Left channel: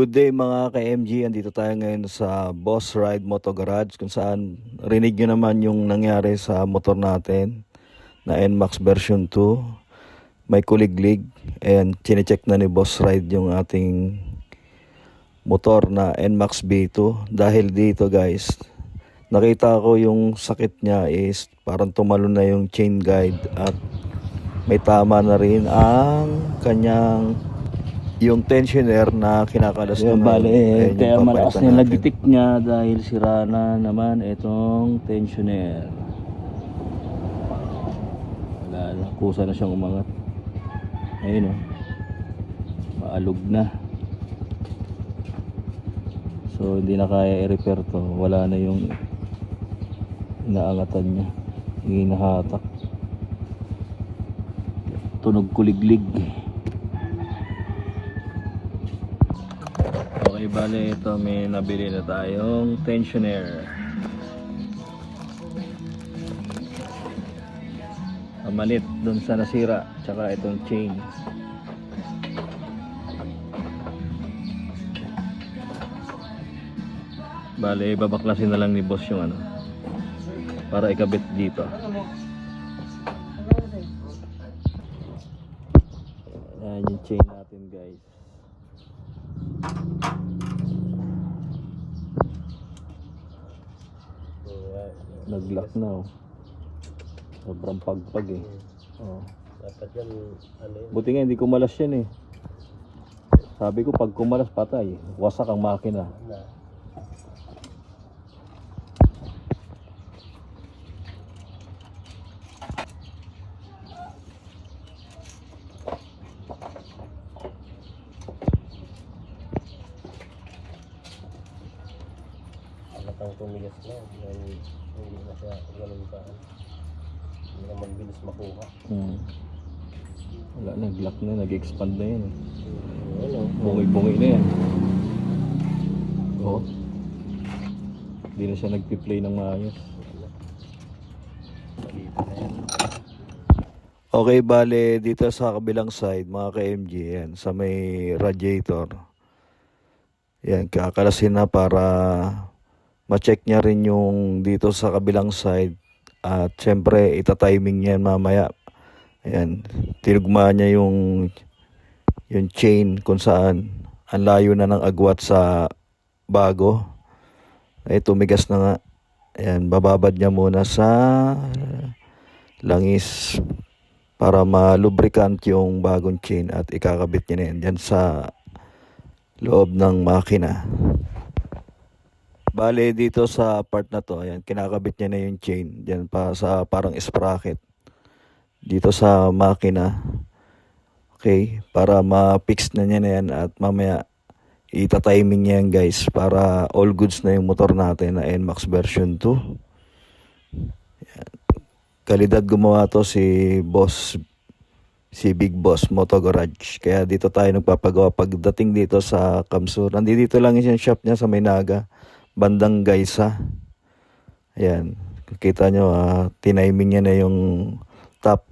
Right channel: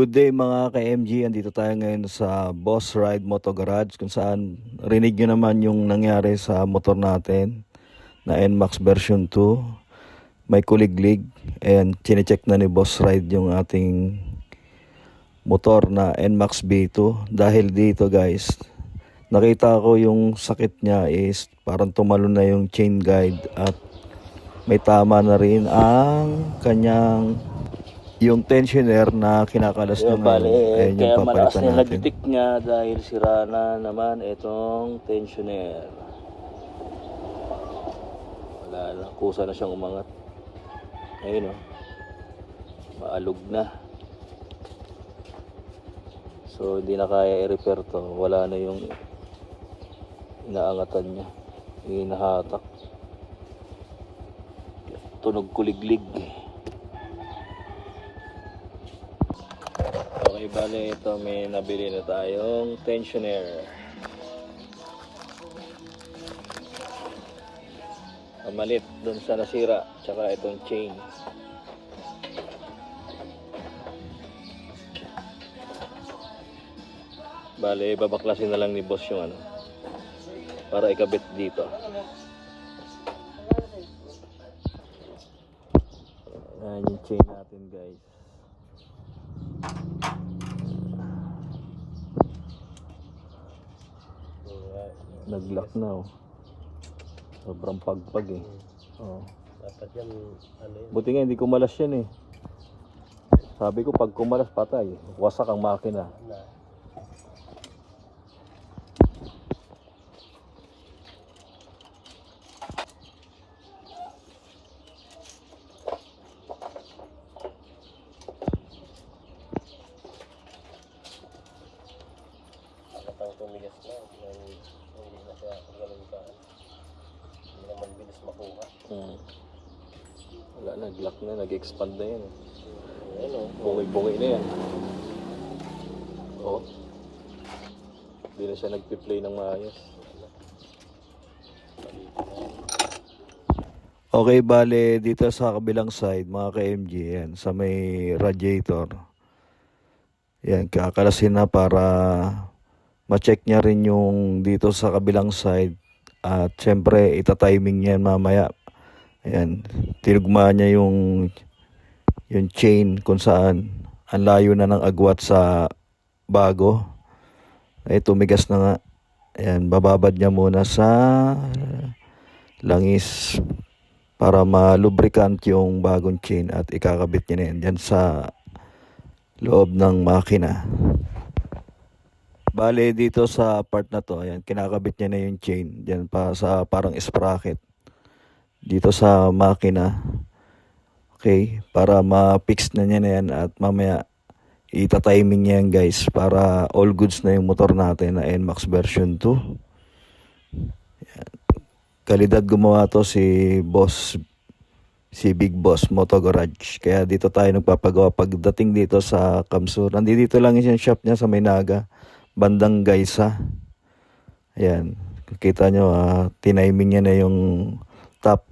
Good day mga ka-MG, andito tayo ngayon sa Boss Ride Moto Garage kung saan rinig nyo naman yung nangyari sa motor natin na NMAX version 2. May kuliglig and chinecheck na ni Boss Ride yung ating motor na NMAX B2. Dahil dito guys, nakita ko yung sakit niya is parang tumalon na yung chain guide at may tama na rin ang kanyang yung tensioner na kinakalas niya ngayon. Ayan yung papalitan natin. Kaya nag-detect niya dahil sira na naman itong tensioner. Wala na, kusa na siyang umangat. Ayun o, maalog na. So hindi na kaya i-repair to. Wala na yung inaangatan niya. Hindi nahatak. Tunog kuliglig. Okay, bale ito may nabili na tayong tensioner. Pamalit dun sa nasira, tsaka itong chain. Bale, babaklasin na lang ni boss yung ano, para ikabit dito. Ayan yung chain natin guys. Nag-lock na oh. Sobrang pagpag eh. Oh. Dapat yan, ano yun? Buti nga hindi kumalas yan eh. Sabi ko pag kumalas patay, wasak ang makina. Ang tumigas na, hindi na siya ganun ka. Hindi naman bilis makuha. Wala, nag-lock na, nag-expand na yan. Bungay-bungay na yan. Oh. Hindi na siya nag-play ng maayos. Okay, bale dito sa kabilang side mga ka-MG, yan, sa may radiator. Yan, kakalasin na para ma-check niya rin yung dito sa kabilang side. At syempre, ita-timing yan mamaya. Ayan, tinugma niya yung chain kung saan ang layo na ng agwat sa bago. Ay, tumigas na nga. Ayan, bababad niya muna sa langis para ma-lubricant yung bagong chain at ikakabit niya na yan dyan sa loob ng makina. Bale dito sa part na to, ayan, kinakabit niya na yung chain diyan pa sa parang sprocket dito sa makina. Okay, para ma-fix na niya na yan at mamaya ita-timing niya yan guys para all goods na yung motor natin na NMAX version 2. Ayan. Kalidad gumawa to si Big Boss Moto Garage. Kaya dito tayo nagpapagawa pagdating dito sa Kamsur. Nandito lang yung shop niya sa Maynaga, bandang Gaysa. Ayan, kita nyo, tiniming niya na yung top.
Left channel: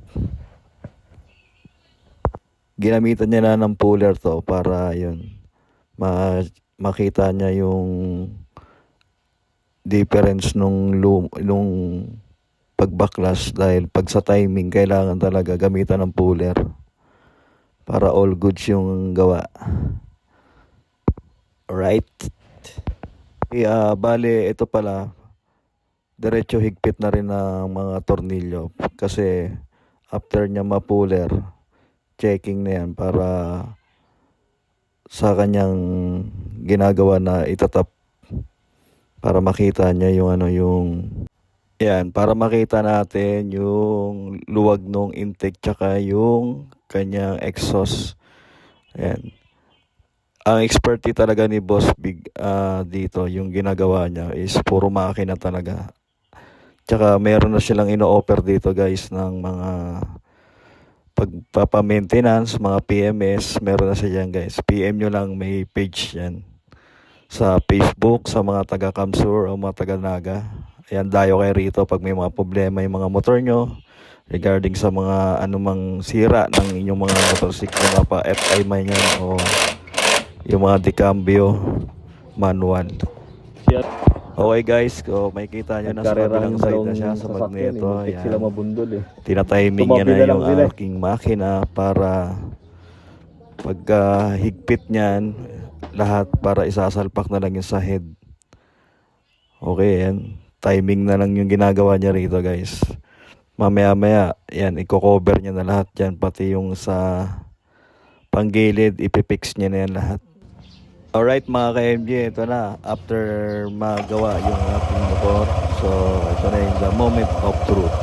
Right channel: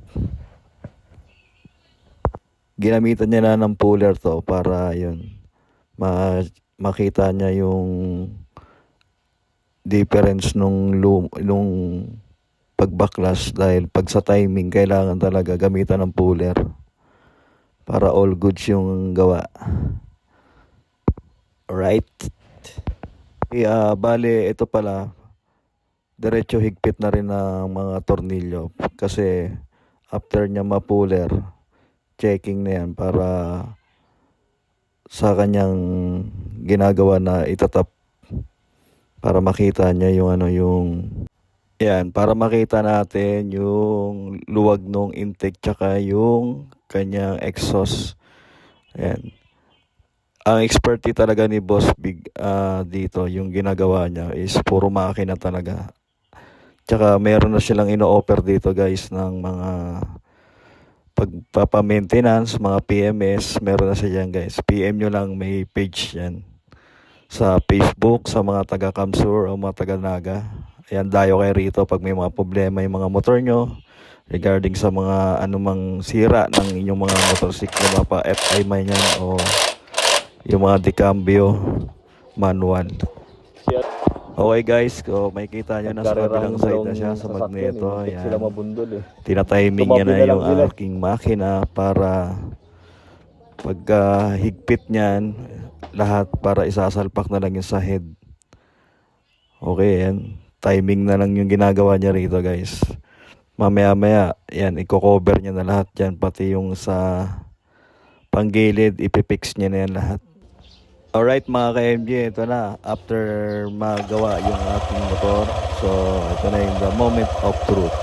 Ginamitan niya na ng puller to para yun, makita niya yung difference nung pagbaklas. Dahil pag sa timing, kailangan talaga gamitan ng puller para all goods yung gawa. Alright. Bale, ito pala, diretso higpit na rin ng mga tornilyo kasi after niya ma-puller, checking na yan para sa kanyang ginagawa na itatap para makita niya yung yan, para makita natin yung luwag ng intake tsaka yung kanyang exhaust. Ayan. Ang expertise talaga ni Boss Big dito, yung ginagawa niya is puro makina talaga. Tsaka meron na silang ino-offer dito guys ng mga pagpapa-maintenance, mga PMS, meron na siya dyan guys. PM nyo lang, may page yan sa Facebook, sa mga taga Kamsur o mga taga Naga. Ayan, dayo kayo rito pag may mga problema yung mga motor nyo regarding sa mga anumang sira ng inyong mga motorsiklo, mapa FI man yan o yung mga decambio manual. Okay guys, kung makikita nyo nasa kabilang side na siya sa magneto, yan. Tinatiming niya na yung aking makina para pagka higpit niyan, lahat para isasalpak na lang yung sa head. Okay, yan. Timing na lang yung ginagawa niya rito guys. Mamaya-maya, yan, i-cover niya na lahat yan. Pati yung sa panggilid, ipipix niya na yan lahat. Alright mga ka-MJ, ito na. After magawa yung ating motor, so ito na yung the moment of truth.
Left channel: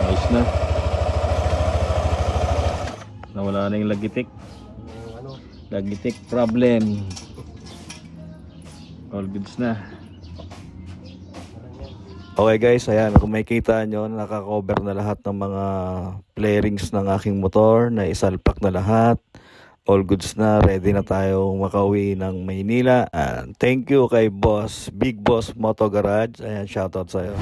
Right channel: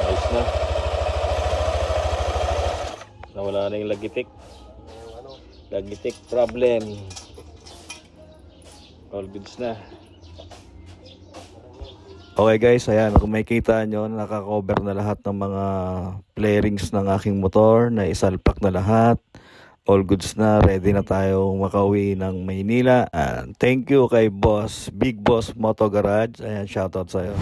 Ayos na. Nawala na yung lagitik. Lagitik problem. All goods na. Okay guys, ayan, kung makikita nyo, nakakover na lahat ng mga flarings ng aking motor, na isalpak na lahat. All goods na, ready na tayo makauwi ng Maynila. And thank you kay Boss, Big Boss Moto Garage. Ayan, shoutout sa'yo.